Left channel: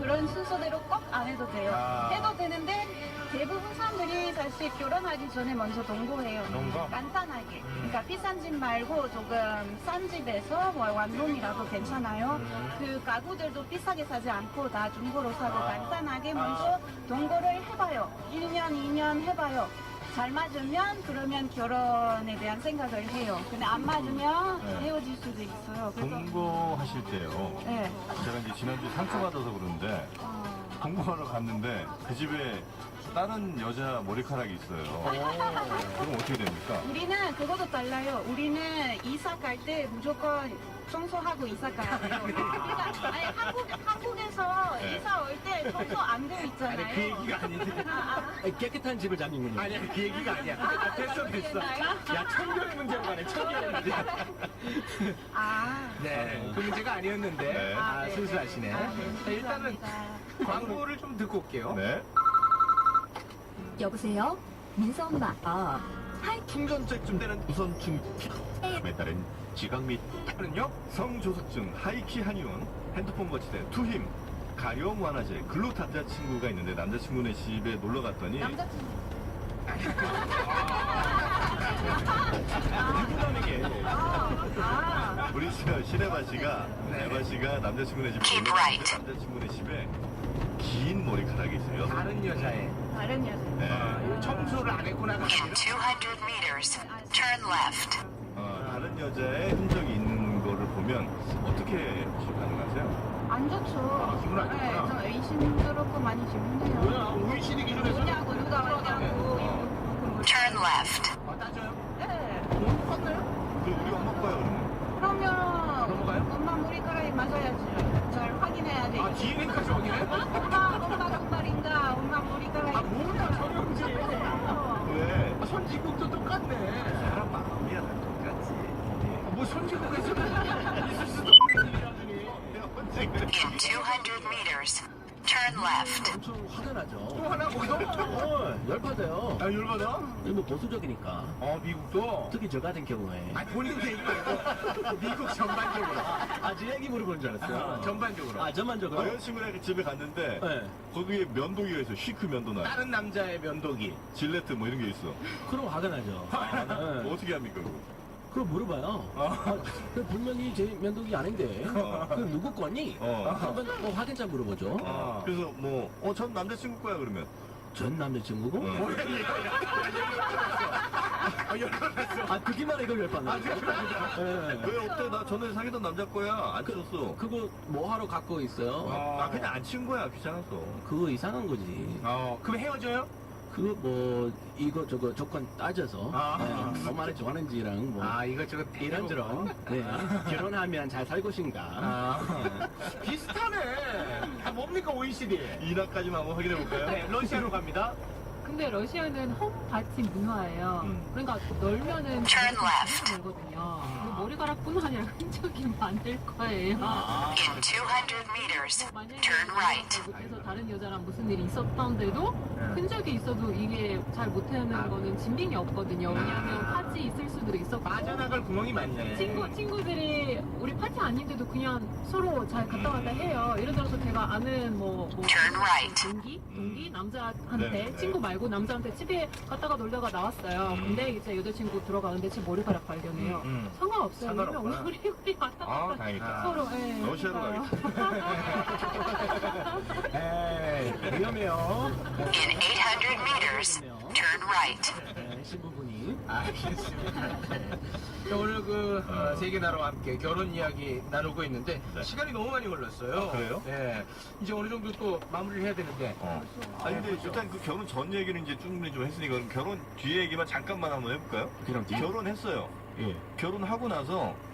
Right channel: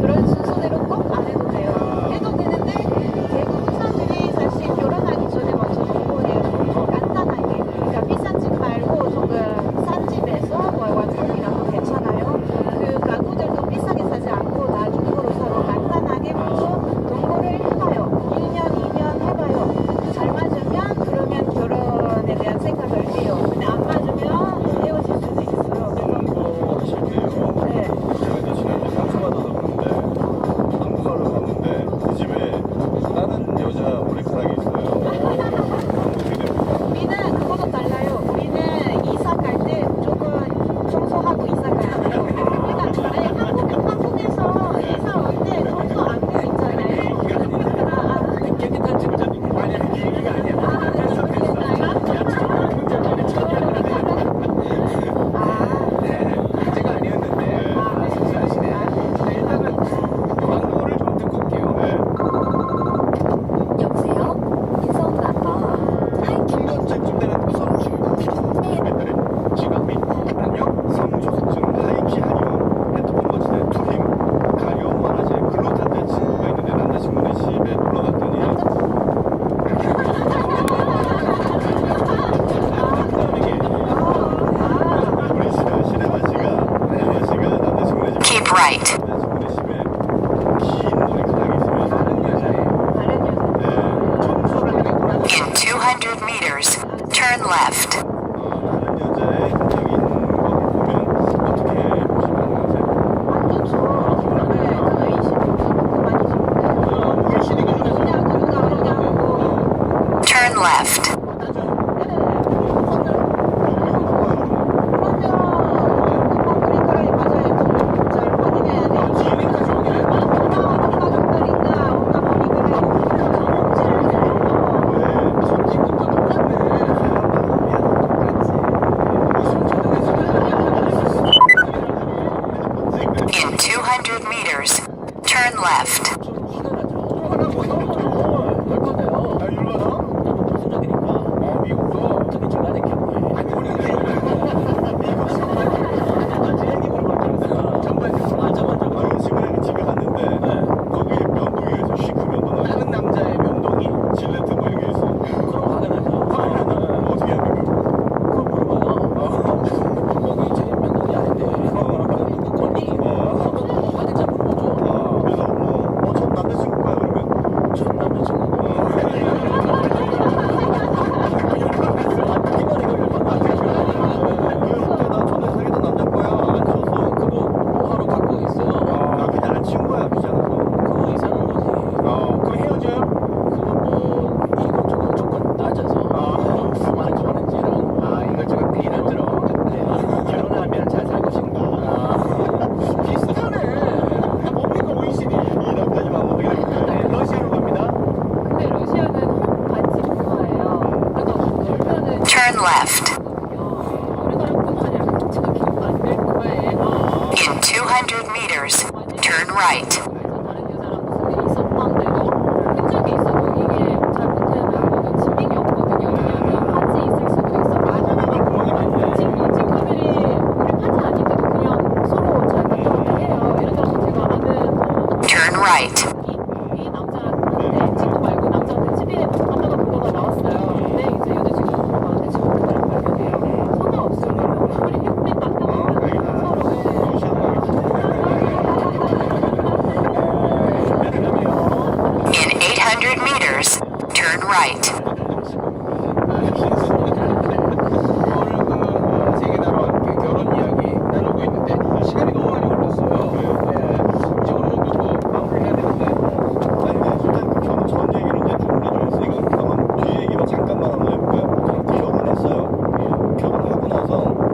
그런 순서대로 꼭 안 해도 돼요. 해도 되는데 대부분 사람들이 사실 결혼하기 전에 먼저 농구해요. 간단하게. 그러니까 비싼 집 말고 조금 싼 집에서 뭐 완성이라도 괜찮아요. 그 가구들도 비싸게 사지 않고 다 중고로 사고 간단하게 먼저 농구를 해봐요. 1년, 2년 해봐요. 잘 맞으면 그러면 결혼에 대한 생각을 해요. 근데 안 맞으면 헤어질 수도 있어요. 농구 하실 때요. 네. 제가 이제 지난주에 상처 받아서 그런데 한국 가서 봤는데 이 집에 다른 여자 머리카락이 있어요. 어떻게 됩니까? 우리는 그거도 달라요. 우리는 이사 갈 때 무조건 청소하고 이사 가야 돼요. 그러니까 아니, 한국에서 이사 올 때 청소 안 되어 있잖아요. 깨끗한 집을 잡는 게 아니야. 그 얘기가 아니야. 문제가 아니었는데 실수하시네. 일단은 광고를 좀 듣고 올게요. 여보세요? 인성나봐. 중간쯤 되는 우선 중국 시민들의 지각 및 강력 성조증 하이키 한의원 핸드폰 거치대 투힘 가려움 완화제 글루탄자 친구가 있는데 남자친구네 집에 놀러 갔더니 우리 시네마 씨가 남자친구네 집에 Keep right. 남자친구네 집에 긴 머리카락이 있으면 다른 여자의 점수를 하겠구나. In 200 meters, turn left. 다른 여자의 흔적이 있는 걸 보면 어떻게 보시는 거세요? 완전 좋아. 네, 저 의심이 그렇게 많이 싶은데. 의심이 기준에서 그냥 누가 하냐고. Turn left. In 200 meters, turn left. 여자친구네 집에 갔는데 거기에 면도기가 있어. 시크 면도가. 다른 남자의 면도기. 질레트 뭐 이런 게 있어. 그럼 가능하죠. 어떻게 합니까? 그거 물어봐요. 면도기 제 면도기 아닌데 누구 거니? 그러면 어디자 물어보죠. 그래서 전 남자친구 거야 그러면 전 남자친구 나 전에 사귀던 남자 거야. 안 썼어. 그거 뭐하러 갖고 있어? 그냥 안 치운 거야 귀찮아서. 그거 이상한 거지. 그럼 헤어져요? 그거 이것저것 조건 따져서 무슨 말을 좋아하는지랑 이것저것 이런저런 결혼하면 잘 살고 싶나 비슷하네. 뭡니까 OECD 이란까지만 어떻게 됩니까? 러시아로 갑니다. 근데 러시아는 같이 문화예요. 그래서 놀면은 Turn left. 우리나라 문화는 지금 기억 안될 거예요. In 200 meters, turn right. 다른 여자랑 무슨 일이 있었다는데도 흔적이 있어도 이게 잘못되면 거는 지능이 없거든요. 왜냐면 같이 있을 수도 있어. 나중에 구멍이 많네. 친구들이 우리 파트 아닌데도 그냥 서로 잘 왔다 갔다 해요. 예를 들어서 제가 아는 뭐 Turn right. 이 남자한테 친구 말고 남자한테 집에 갔다가 불러가 나왔어요. 근데 이제 여자친구 들어가는데 지금 그거를 발견해요. 상관없어요. 우리 만나고 서로 In 800 meters, turn right. 오늘 그 세계 나라 결혼 이야기 나누고 있는데 시간이 너무 많이 흘렀어요. 이제 어느 정도 뭐 마무리해야 되는데. 아니 근데 일단 그 결혼 전 얘기를 이제 쭉 흘러버렸으니까 결혼 뒤 얘기만 잠깐만 한번 해볼까요? 결혼했어요. 결혼하고 나서